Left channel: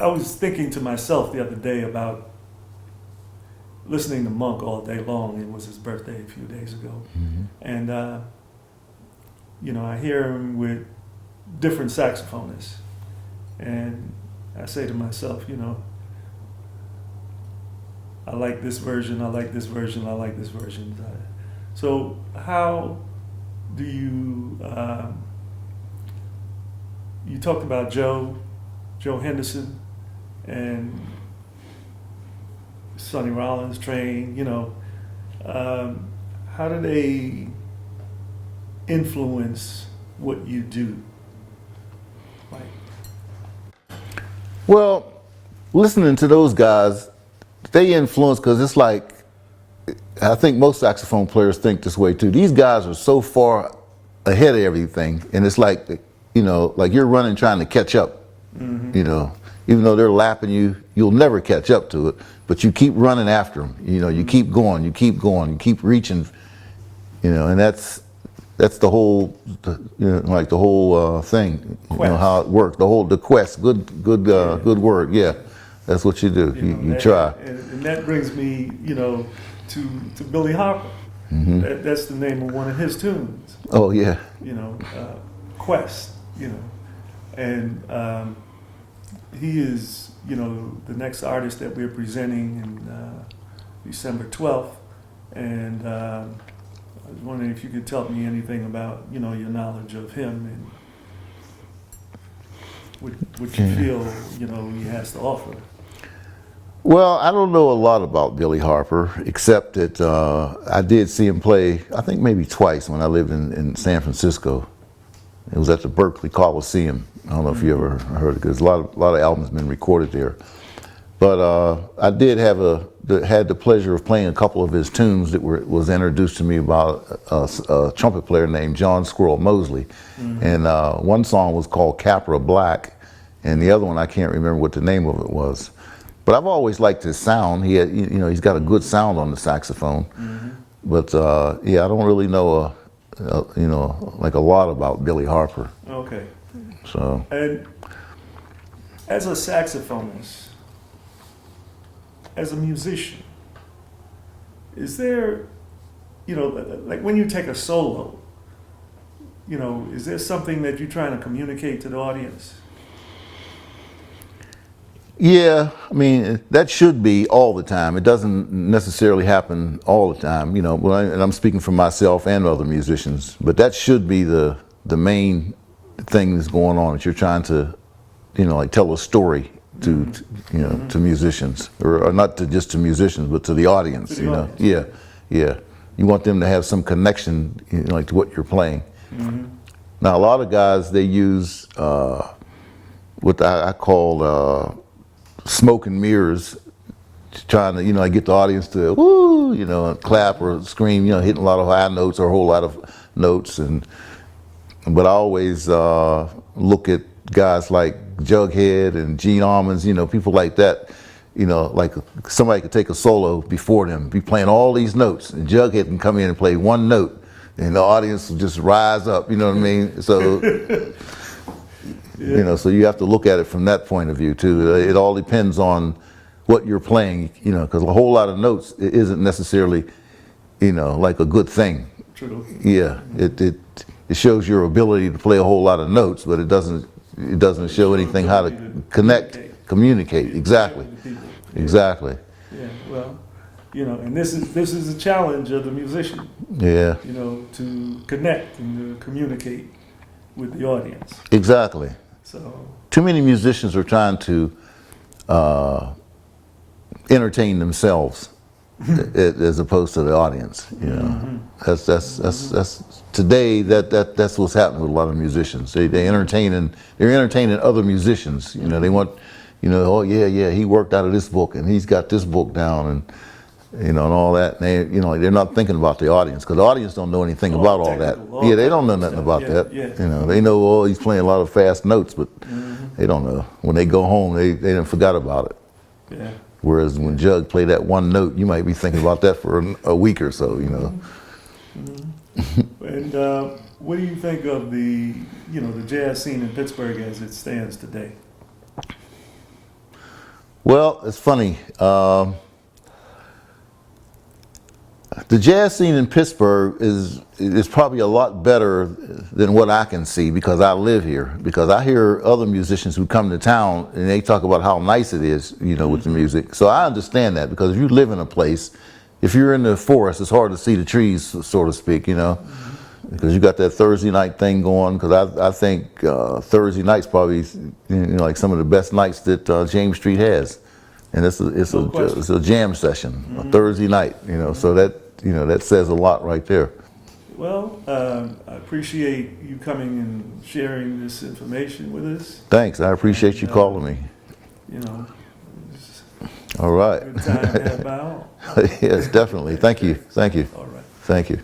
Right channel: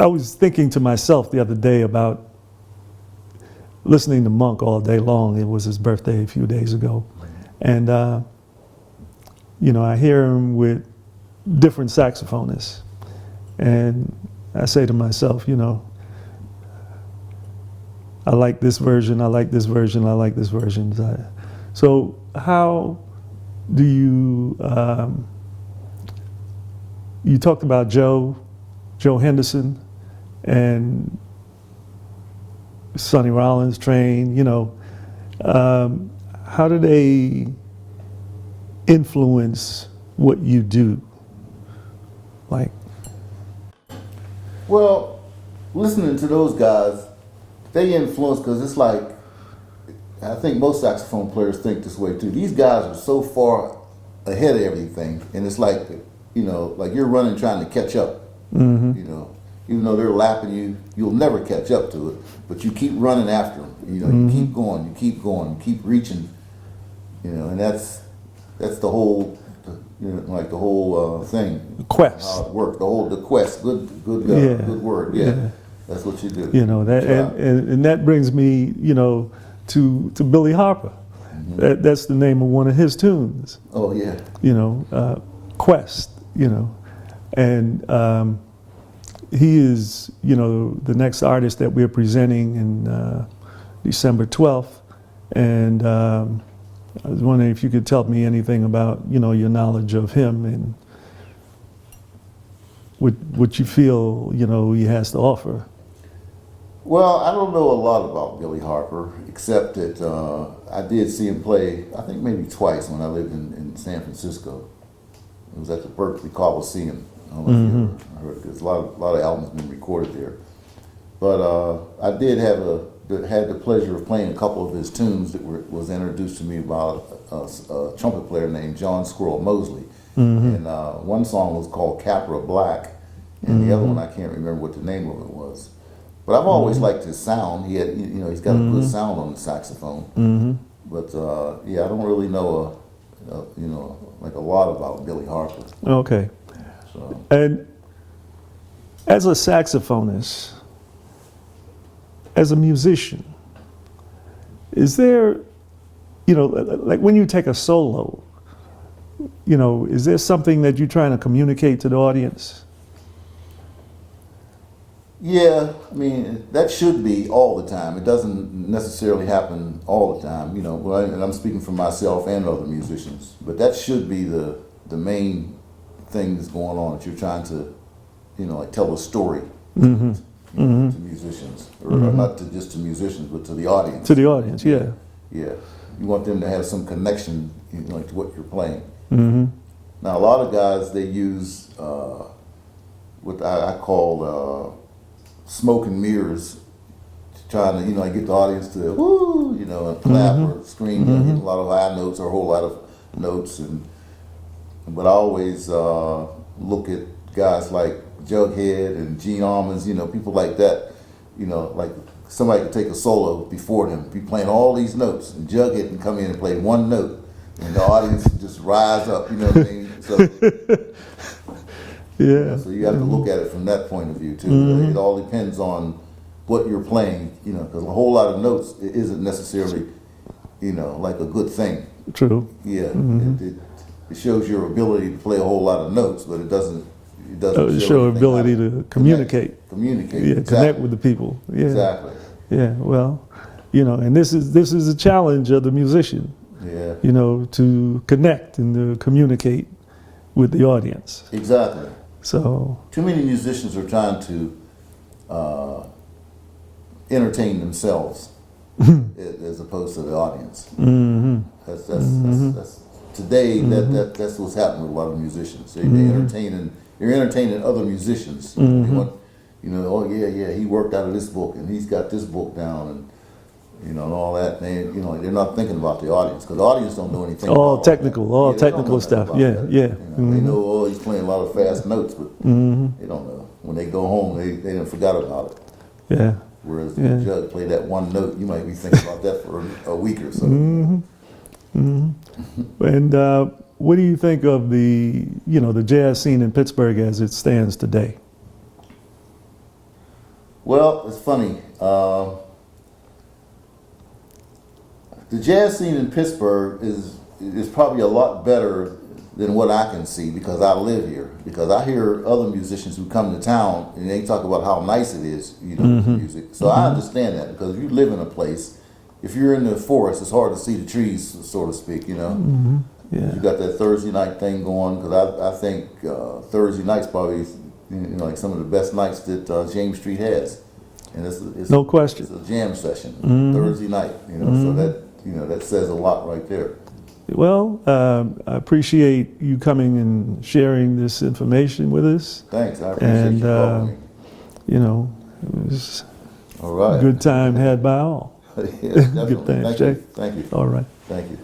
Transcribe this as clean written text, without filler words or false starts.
I was thinking to myself the other day about listening to Monk all day long. It was his birthday a few days ago. And, I hear him with different saxophonists. And I say to myself, I like this version, I like this version, I like this version. So how do you, you talked about Joe Henderson and Sonny Rollins train, how do they influence what you do? Like, well, listening to those guys, they influence, because it's like, I think most saxophone players think this way too. These guys are so far ahead of everything, and it's like, like you're running trying to catch up. Even though they're lapping you, you'll never catch up to it, but you keep running after them. You keep going, you keep reaching, and that's the whole, like the whole thing. Quest. How it works. The quest. Good word. Yeah. That's what you do. You try. And that brings me, to Billy Harper. That's the name of one of his tunes. Oh yeah. Quest. And he is, the next artist that we're presenting in December 12th. And I was wondering if you could tell me anything about, your knowledge of him and what you feel, he has to offer. Well, I don't know a lot about Billy Harper, except that I did see him play, I think maybe twice when I lived in San Francisco. It was at the Berkeley Coliseum. I don't know if you ever heard it, because a lot of albums have been recorded there. But I did had the pleasure of playing a couple of his tunes that was introduced to me about a trumpet player named John Squirrel Mosley. And one song was called Capra Black, and the other one I can't remember what the name of it was. But I've always liked his sound. He had, he's got a good sound on the saxophone. But I don't really know, like a lot about Billy Harper. Okay. So. And as a saxophonist, as a musician, is there, like when you take a solo, is there something that you're trying to communicate to the audience? Yeah, I mean, that should be all the time. It doesn't necessarily happen all the time, and I'm speaking for myself and other musicians, but that should be the main thing that's going on, that you're trying to, like tell a story to, to musicians, or not just to musicians, but to the audience. To the audience, yeah. You want them to have some connection, like to what you're playing. Now, a lot of guys, they use what I call smoke and mirrors, trying to, get the audience to, woo, clap or scream, hitting a lot of high notes or a whole lot of notes. But I always look at guys like Jughead and Gene Ammons, people like that, like somebody could take a solo before them, be playing all these notes, and Jughead can come in and play one note, and the audience will just rise up, you know what I mean? So, so you have to look at it from that point of view too. It all depends on what you're playing, because a whole lot of notes isn't necessarily, like a good thing. True. Yeah, it shows your ability to play a whole lot of notes, but it doesn't show anything how to communicate. Yeah, exactly. Connect with the people. Yeah. Exactly. Yeah. Well, and this is a challenge of the musician. Yeah. To connect and to communicate with the audience. Exactly. So too many musicians are trying to entertain themselves as opposed to the audience. That's today. That's what's happening with a lot of musicians. They're entertaining other musicians. They want, oh yeah, he worked out of this book and he's got this book down, and and all that. And they, they're not thinking about the audience, because the audience don't know anything about all that. They don't know nothing about that. Yeah. They know, oh, he's playing a lot of fast notes, but they don't know. When they go home, they done forgot about it. Yeah. Whereas when Jug play that one note, you might be thinking about that for a week or so. And what do you think of the the jazz scene in Pittsburgh as it stands today? Well, it's funny. The jazz scene in Pittsburgh is probably a lot better than what I can see because I live here. Because I hear other musicians who come to town and they talk about how nice it is, you know, with the music. So I understand that because if you live in a place, if you're in the forest, it's hard to see the trees, so to speak, you know. Because you got that Thursday night thing going. Because I think Thursday night's probably like some of the best nights that James Street has, and it's a jam session, a Thursday night. You know, so that says a lot right there. Well, I appreciate you coming and sharing this information with us. Thanks, I appreciate you calling me. You know, it was All right. a good time had by all. Yes, definitely. Good Thank you. thanks. Thank you. All right. Thank you.